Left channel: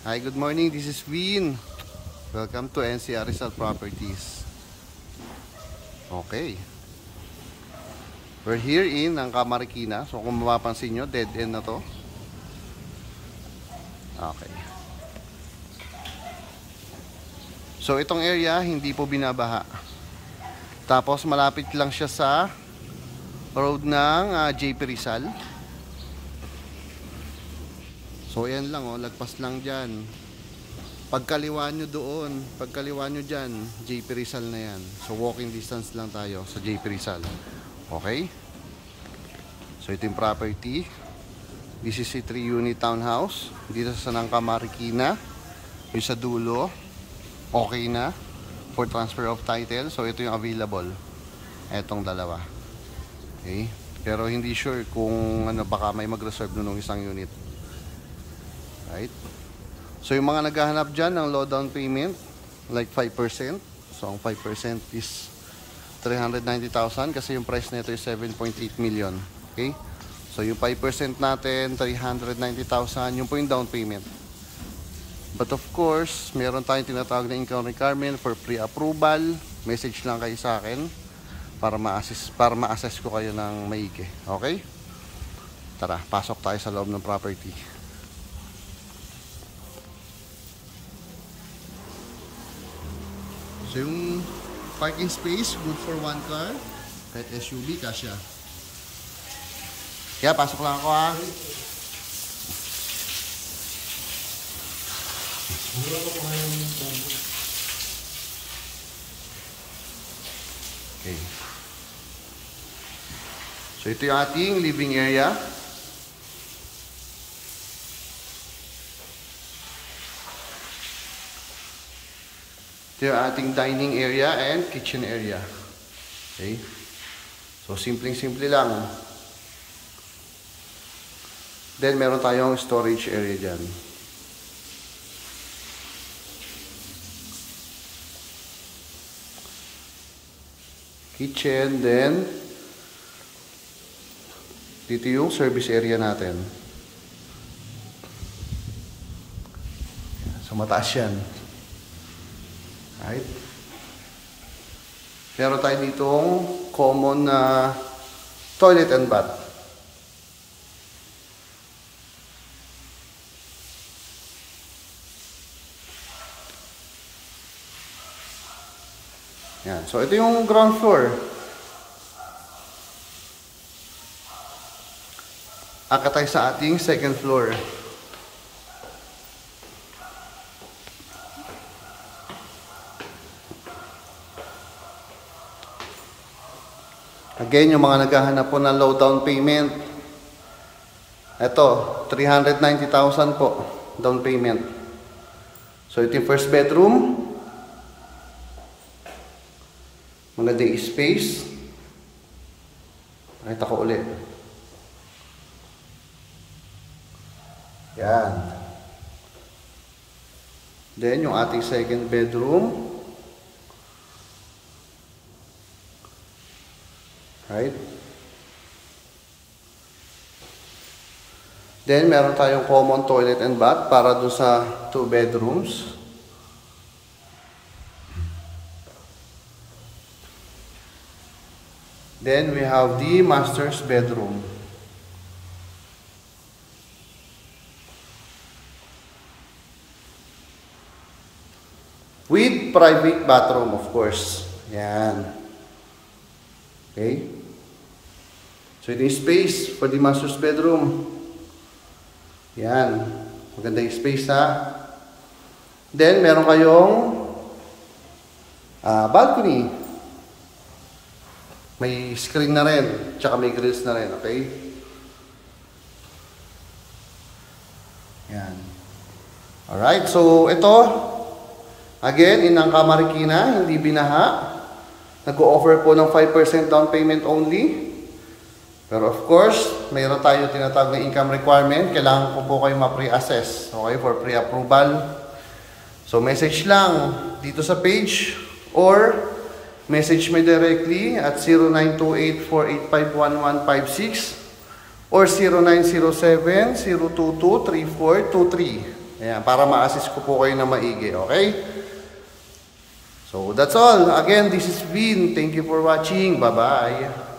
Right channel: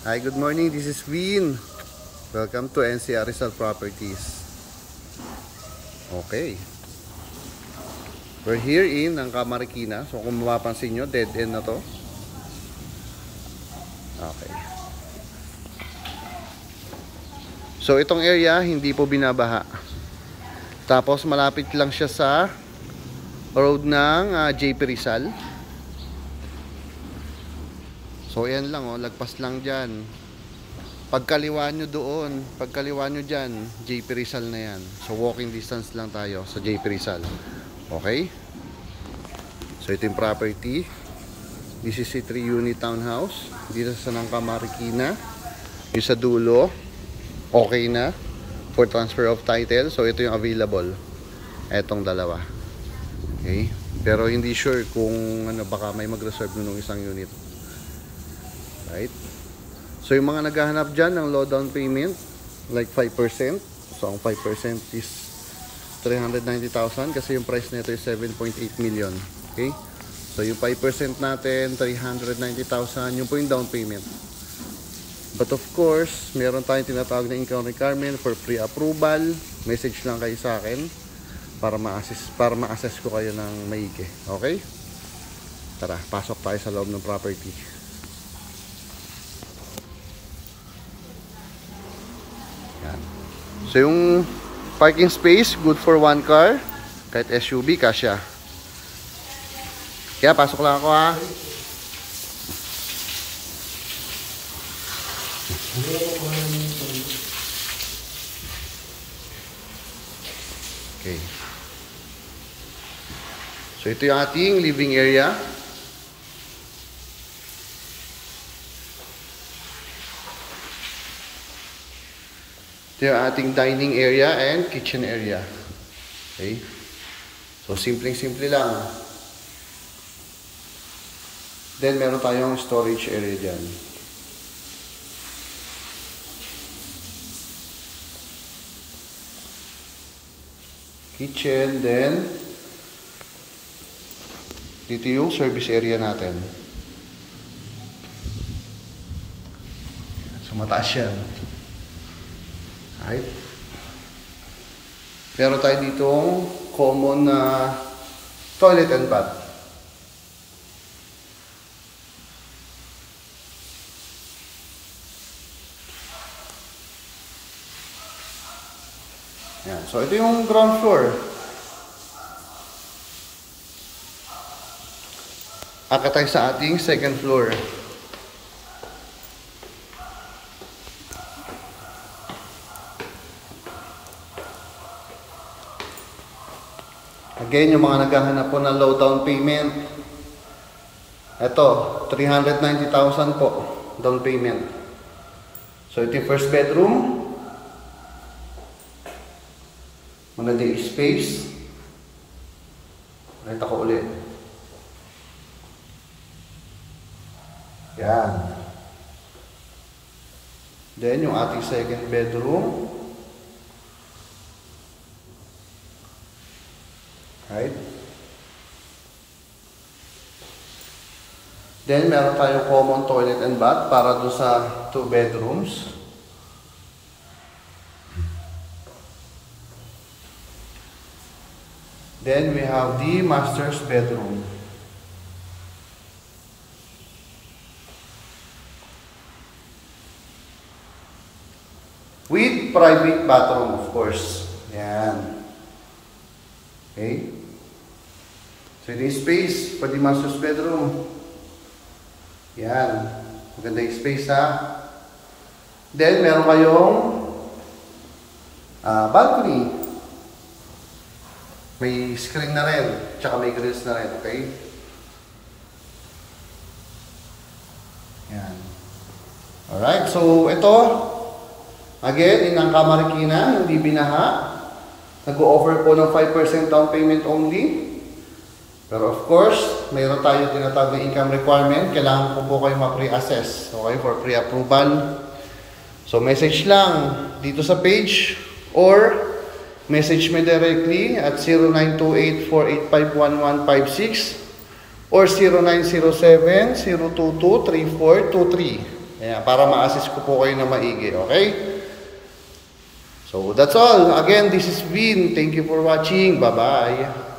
Hi, good morning. This is Win. Welcome to NCR Rizal Properties. Okay. We're here in Angka Marikina. So kung mapapansin nyo, dead end na to. Okay. So itong area, hindi po binabaha. Tapos malapit lang siya sa road ng JP Rizal. So yan lang, lagpas lang dyan. Pagkaliwa nyo doon, pagkaliwa nyo dyan, JP Rizal na yan. So walking distance lang tayo sa JP Rizal. Okay? So ito yung property. This is a 3-unit townhouse dito sa Angka Marikina. Yung sa dulo, okay na for transfer of title. So ito yung available. Etong dalawa. Okay? Pero hindi sure kung baka may mag-reserve nung isang unit. Right? So yung mga naghahanap dyan ng low down payment, like 5%. So ang 5% is 390,000 kasi yung price nito is 7.8 million. Okay? So yung 5% natin, 390,000, yung po yung down payment. But of course, meron tayong tinatawag na income requirement for pre-approval. Message lang kayo sa akin para ma-assess ko kayo ng maigi. Okay? Tara, pasok tayo sa loob ng property. So yung parking space, good for one car. Kahit SUV, kasya. Kaya pasok lang ako ha. Okay. So ito yung ating living area. Ito yung ating dining area and kitchen area. Okay. So simpleng-simple lang. Then meron tayong storage area dyan. Kitchen, then dito yung service area natin. So mataas yan. Right? Meron tayo ditong common na toilet and bath. Yan. So ito yung ground floor. Akit tayo sa ating second floor. Again, yung mga naghahanap po ng low down payment. Ito, 390,000 po down payment. So ito yung first bedroom. Magandang space. Nakita ko ulit. Yan. Then yung ating second bedroom. Right? Then, meron tayong common toilet and bath para doon sa 2 bedrooms. Then, we have the master's bedroom. With private bathroom, of course. Yan. Okay? So, ito yung space for the master's bedroom. Yan. Maganda yung space ha. Then, meron kayong balcony. May screen na rin. Tsaka may grills na rin. Okay? Yan. Alright. So, ito. Again, in Angka Marikina. Hindi binaha. Nag-o-offer po ng 5% down payment only. Pero of course, mayroon tayo tinatawag na income requirement. Kailangan po kayo ma-pre-assess. Okay, for pre-approval. So message lang dito sa page or message me directly at 0928-485-1156 or 0907-022-3423. Ayan, para ma-assist ko po kayo na maigi, okay? So, that's all. Again, this is Vin. Thank you for watching. Bye-bye.